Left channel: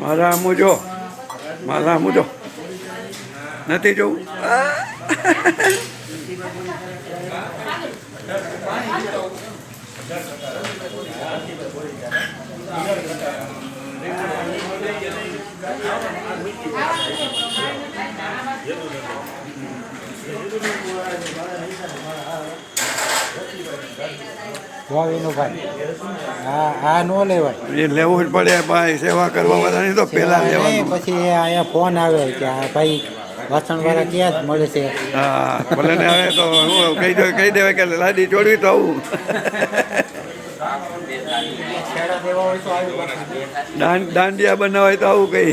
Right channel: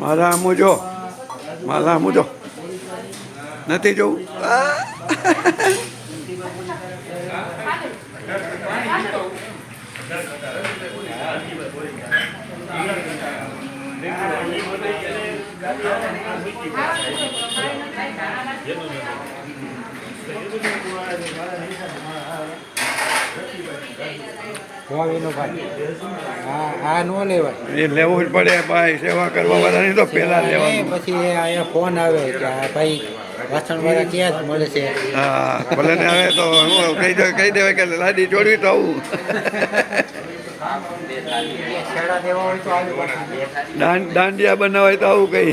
મારા મુજો મારા મુજો નથી જોવું એ લેવું જ પડે ભાઈ, સેવા કરવા વાળાની તો પેલા લેવાનું. પછી અહીંયા ફોન આવ્યો કે ભાઈ વાસણવાળા ક્યાં જ મળે છે. હા ભલે ને હવે તો હું કહી દેવાય કે લાડી ચોડવી તો આવું. દાંડિયા બનાવાય તો આવું કઈ.